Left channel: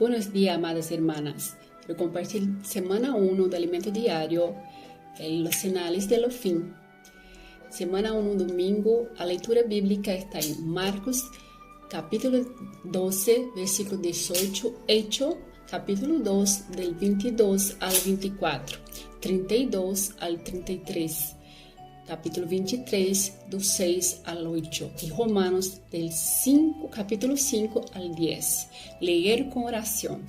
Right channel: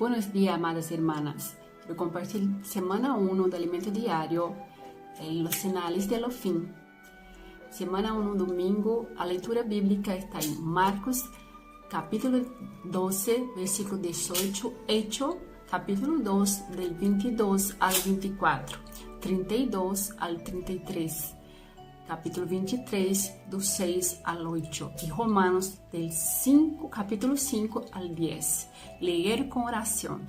Buenos días, amadas hermanas. Quiero compartir semana 1 de Alimento Diário en los Sinales de lo Fin. Semana 1, domingo, a leitura bíblica está en Marcos, capítulo 12, versículo 18, Hechos, capítulo 2, del 22 al 24, 32 al 33, capítulo 23, do 6 al 8, y Romanos, del capítulo 5 al 10. Leer con oración.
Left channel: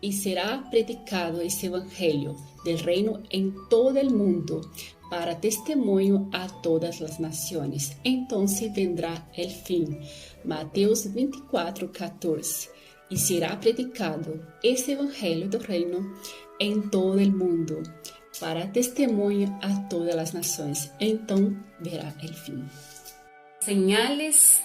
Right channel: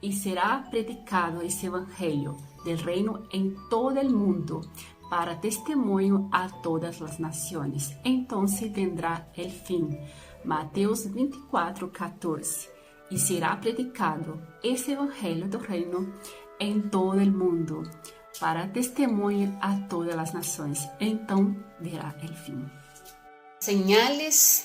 Y será predicado este evangelio del reino en todo el mundo para testimonio a todas las naciones. Entonces vendrá el fin. Mateos 24, 14. Y será predicado este evangelio del reino en todo el mundo para testimonio a todas las naciones. Entonces verá el fin. Señales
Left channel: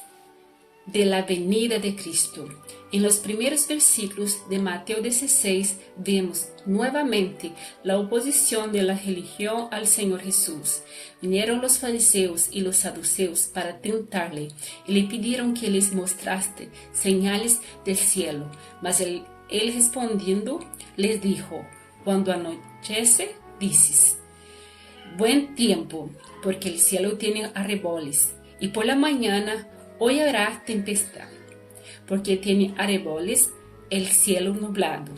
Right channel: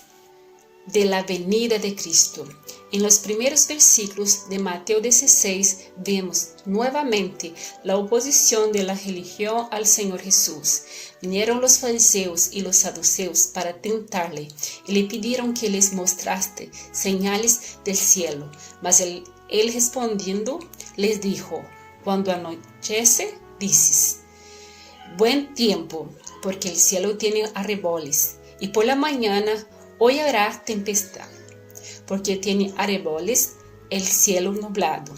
de la venida de Cristo. En los primeros versículos de Mateo 16 vemos nuevamente la oposición de la religión al Señor Jesús. Vinieron los fariseos y los saduceos para tentarle y le pidieron que les mostrase señales del cielo. Mas él respondiendo les dijo: cuando anochece, dices, buen tiempo, porque el cielo tiene arreboles, y por la mañana hoy habrá tempestad, porque tiene arreboles el cielo nublado.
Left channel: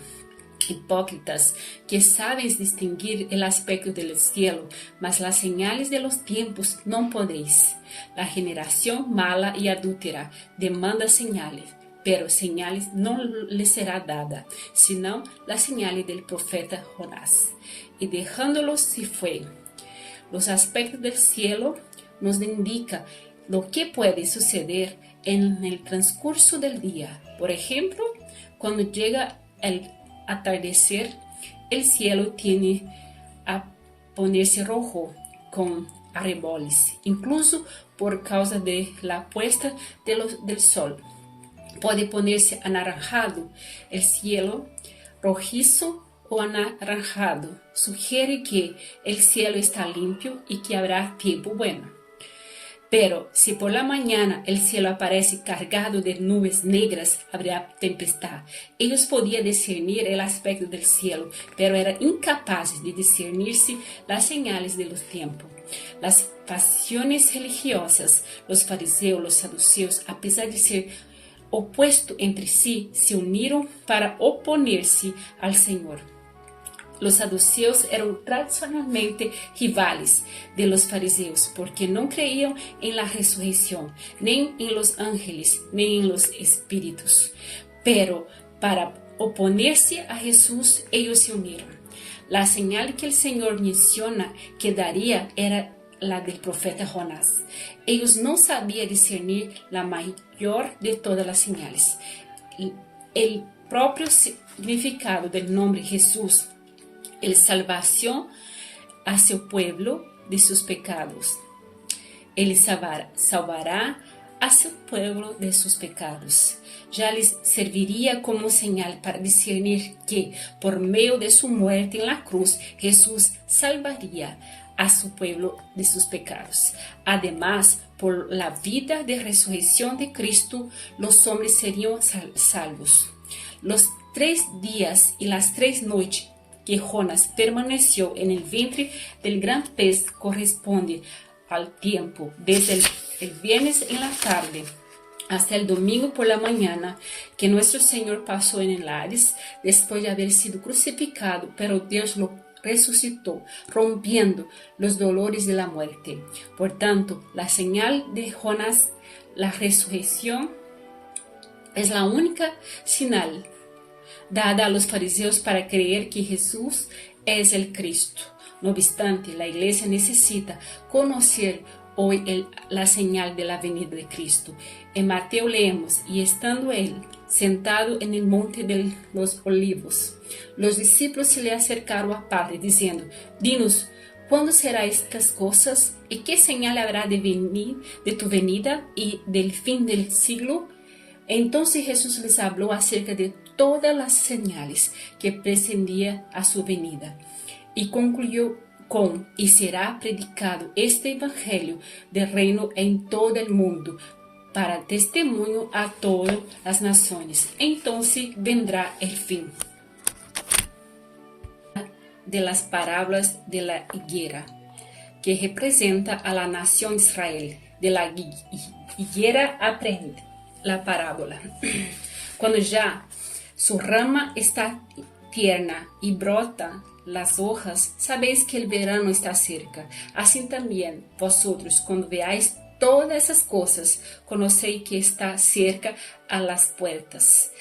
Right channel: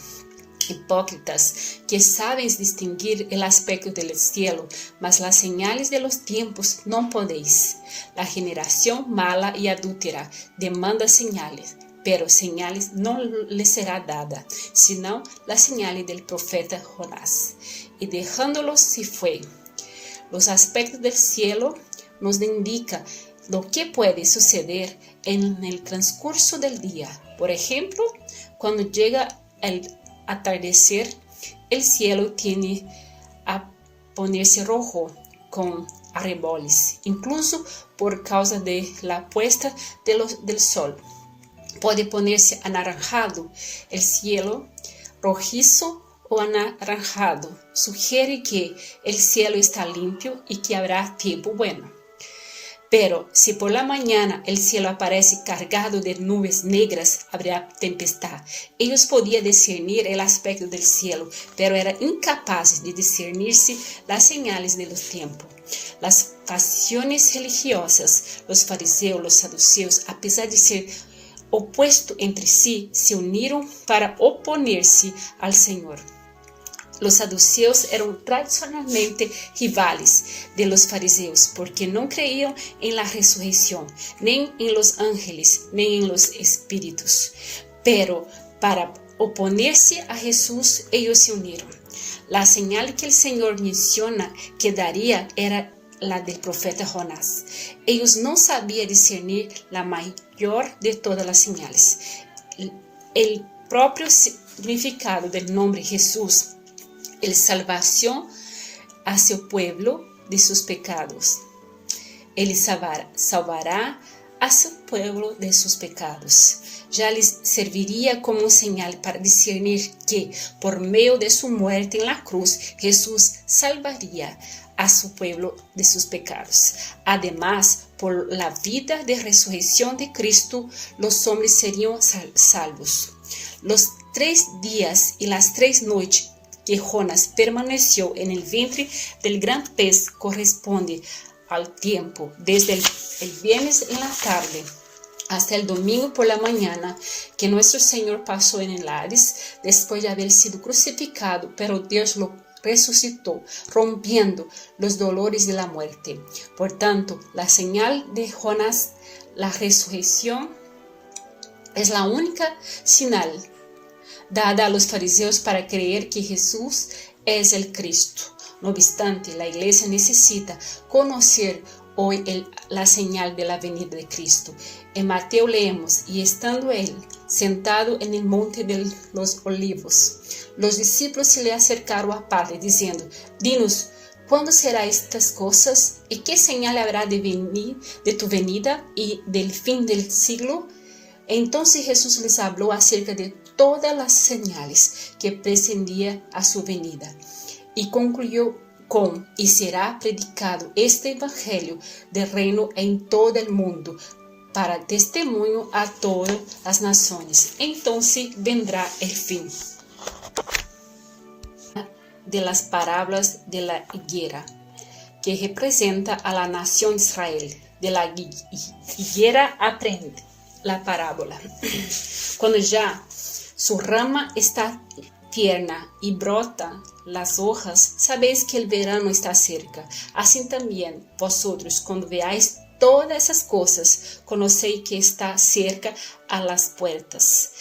Hipócritas, que sabéis distinguir el aspecto del cielo, mas las señales de los tiempos no podéis. La generación mala y adúltera demanda señales, pero señales no le será dada, sino la señal del profeta Jonás. Y dejándolos se fue. Los aspectos del cielo nos indican lo que puede suceder en el transcurso del día. Por ejemplo, cuando llega el atardecer, el cielo tiende a ponerse rojo con arreboles, incluso por causa de la puesta del sol. Puede ponerse anaranjado el cielo, rojizo o anaranjado. Sugiere que el cielo está limpio y que habrá tiempo bueno. Pero si por la mañana el cielo aparece cargado de nubes negras, habrá tempestad. Ellos podían discernir el aspecto del cielo, pero eran incapaces de discernirse las señales de los tiempos. Las pasiones religiosas, los fariseos, los saduceos, a pesar de ser opuestos entre sí, se unieron para oponerse al Señor. Los saduceos eran tradicionalmente rivales de los fariseos porque no creían en la resurrección, ni en los ángeles, ni en los espíritus. Pero para oponerse a Jesús, ellos se unieron. La señal que el Señor menciona que daría era la del profeta Jonás. Ellos no sabían discernir la mayor de todas las señales. El propio significado del nombre Jesús es salvación hacia el pueblo de sus pecados. Él salvará hacia el pueblo de sus pecados. Ya les serviría como señal para discernir que por medio de su muerte en la cruz, Jesús salvaría a su pueblo de sus pecados. Además, por la vida de resurrección de Cristo, los hombres serían salvos. Los 3 días y las 3 noches que Jonás permaneció en el vientre del gran pez corresponde al tiempo desde el viernes en la tarde hasta el domingo por la mañana que nuestro Señor pasó en el Hades después de haber sido crucificado, pero Dios lo resucitó, rompiendo los dolores de la muerte. Por tanto, la señal de Jonás, la resurrección, es la única señal dada a los fariseos para creer que Jesús es el Cristo. No obstante, la iglesia necesita conocer hoy la señal de la venida de Cristo. En Mateo leemos: y estando él sentado en el monte de los olivos, los discípulos se le acercaron a Padre diciendo: dinos, ¿cuándo serán estas cosas? ¿Y qué señal habrá de tu venida y del fin del siglo? Entonces Jesús les habló acerca de todas las señales que precedían a su venida y concluyó con: y será predicado este evangelio del reino en todo el mundo para testemunho a todas as nações. Então vendrá el fin. De las parábolas de la higuera, que representa a la nación de Israel. De la higuera aprende la parábola. Cuando ya su rama está tierna y brota las hojas, sabéis que el verano está cerca. Así también vosotros, cuando veáis todas esas cosas, conocéis que está cerca a las puertas.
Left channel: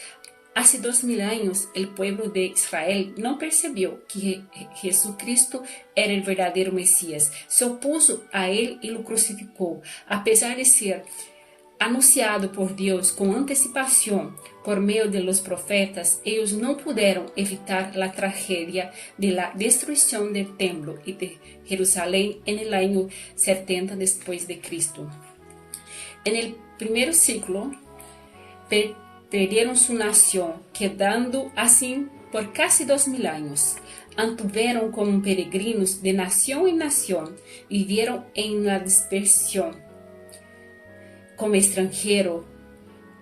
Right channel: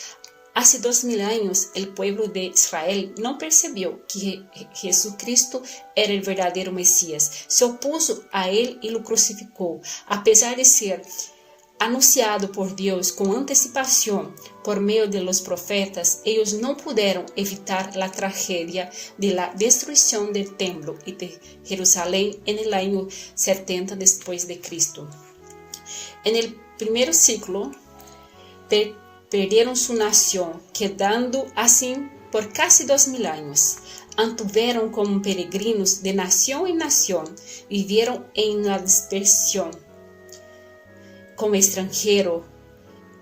Hace 2000 años, el pueblo de Israel no percibió que Jesucristo era el verdadero Mesías. Se opuso a él y lo crucificó. A pesar de ser anunciado por Dios con anticipación por medio de los profetas, ellos no pudieron evitar la tragedia de la destrucción del templo y de Jerusalén en el año 70 después de Cristo. En el primer siglo, perdieron su nación, quedando así por casi 2000 años. Anduvieron como peregrinos de nación en nación, vivieron en la dispersión como extranjero,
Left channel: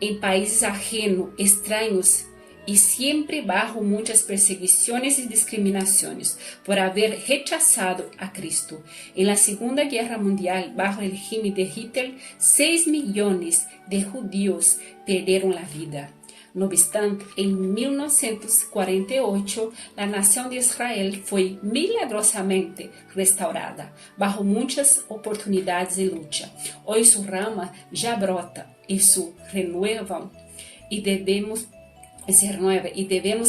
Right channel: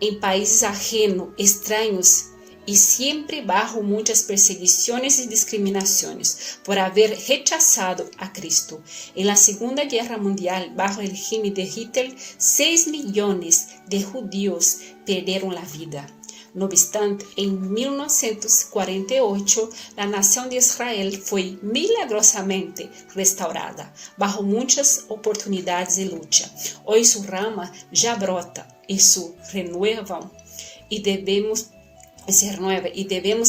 en países ajenos, extraños, y siempre bajo muchas perseguiciones y discriminaciones por haber rechazado a Cristo. En la Segunda Guerra Mundial, bajo el régimen de Hitler, 6 millones de judíos perdieron la vida. No obstante, en 1948, la nación de Israel fue milagrosamente restaurada, bajo muchas oportunidades de lucha. Hoy su rama ya brota y se renueva y debemos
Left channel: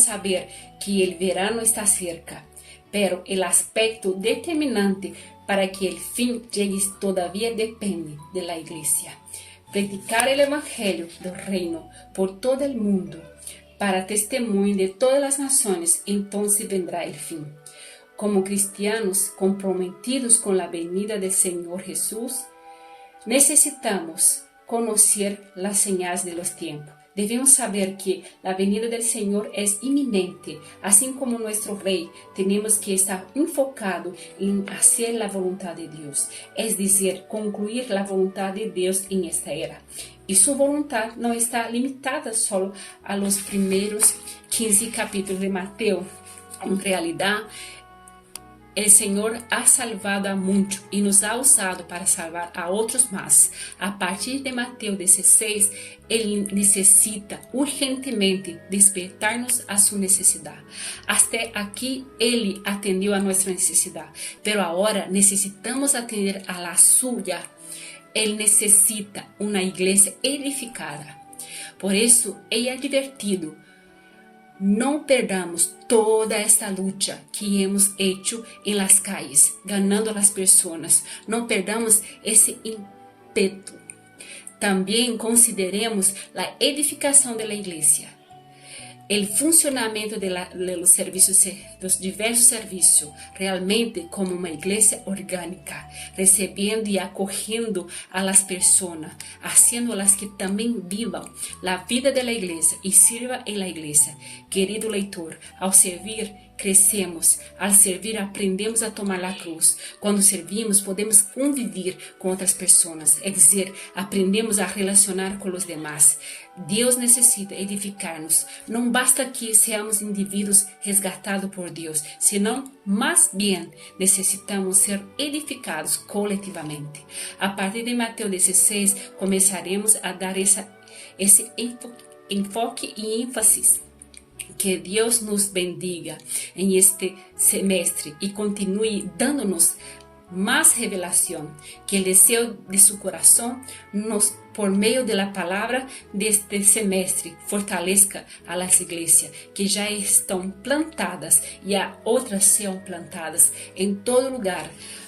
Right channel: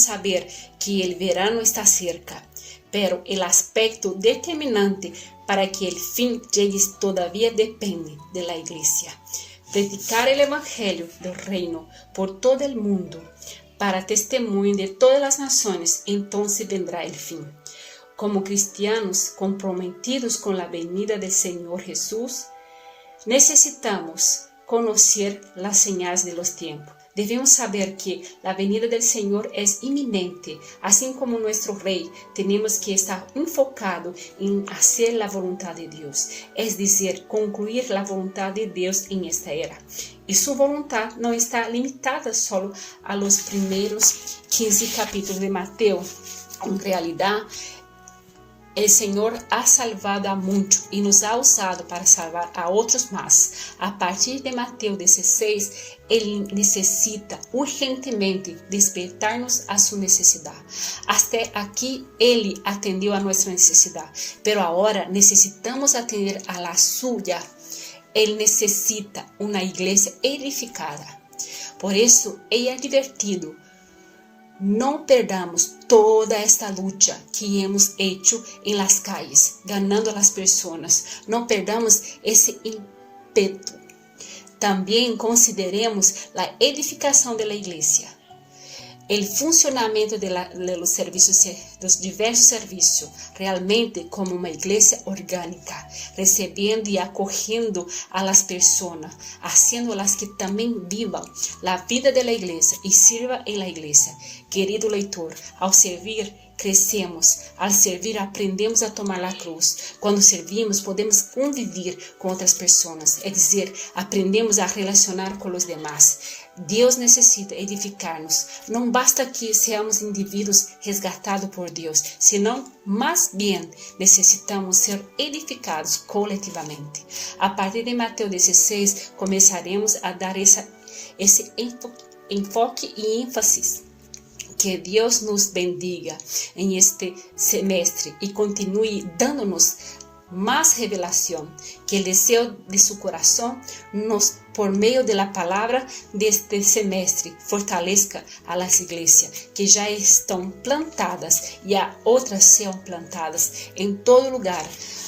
saber que el verano está cerca. Pero el aspecto determinante para que el fin llegue todavía depende de la iglesia. Predicar el evangelio del reino por todo el mundo para testimonio de todas las naciones, entonces vendrá el fin. Como cristianos comprometidos con la venida del Señor Jesús, necesitamos conocer las señales de los tiempos. Debemos saber que la venida del Señor es inminente. Así como nuestro Rey, tenemos que estar enfocados en hacer la voluntad de Dios, es decir, concluir la voluntad de Dios en esta era. Y su voluntad no está limitada solo a los primeros 15 capítulos de Mateo. En realidad, el Señor ha salvado a muchos y nos ha usado para salvar a otros más. A partir de Mateo 16, Él necesita urgentemente despertarnos a su necesidad. Hasta aquí Él atendió a nuestra necesidad, pero ahora necesitamos atender a la suya. Él necesita una iglesia edificada. Por eso, Él ha advertido: no perdamos toda esta lucha que hemos hecho en las calles, ganando a las personas. No perdamos ese ímpetu. También consideremos la edificación de la iglesia, el funcionamiento de los diversos servicios, realmente como una iglesia orgánica, recibiendo y acogiendo a las personas, haciéndolas que también vivan la vida de la iglesia y sirvan en la iglesia. Querido lector, al servir crecemos, al servir aprendemos a tomar la cruz. Cuando servimos podemos convivir con otras personas, es decir, aprendemos a relacionar con los demás. Dios necesita edificarnos. No basta que seamos individuos resgatados por Dios, sino más bien necesitamos ser edificados colectivamente. A partir de Mateo 16 comenzaremos a dar ese enfoque y énfasis. Que Dios nos bendiga en este semestre y continúe dándonos más revelación, que el deseo de su corazón nos, por medio de la palabra de este semestre, fortalezca a las iglesias que ya están plantadas y a otras sean plantadas en todo lugar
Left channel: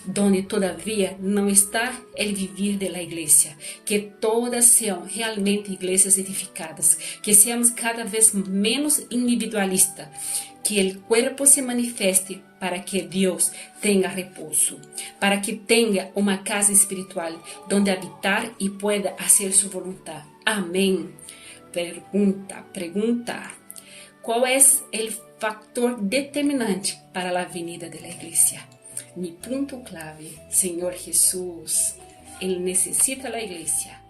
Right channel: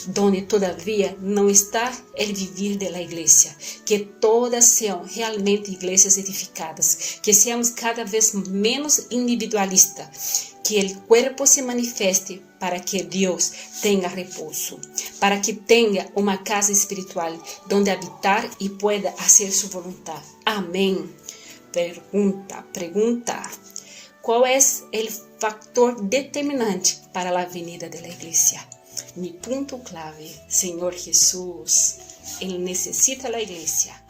donde todavía no está el vivir de la iglesia, que todas sean realmente iglesias edificadas, que seamos cada vez menos individualistas, que el cuerpo se manifieste para que Dios tenga reposo, para que tenga una casa espiritual donde habitar y pueda hacer su voluntad. Amén. Pregunta, ¿cuál es el factor determinante para la venida de la iglesia? Mi punto clave, Señor Jesús, Él necesita la iglesia.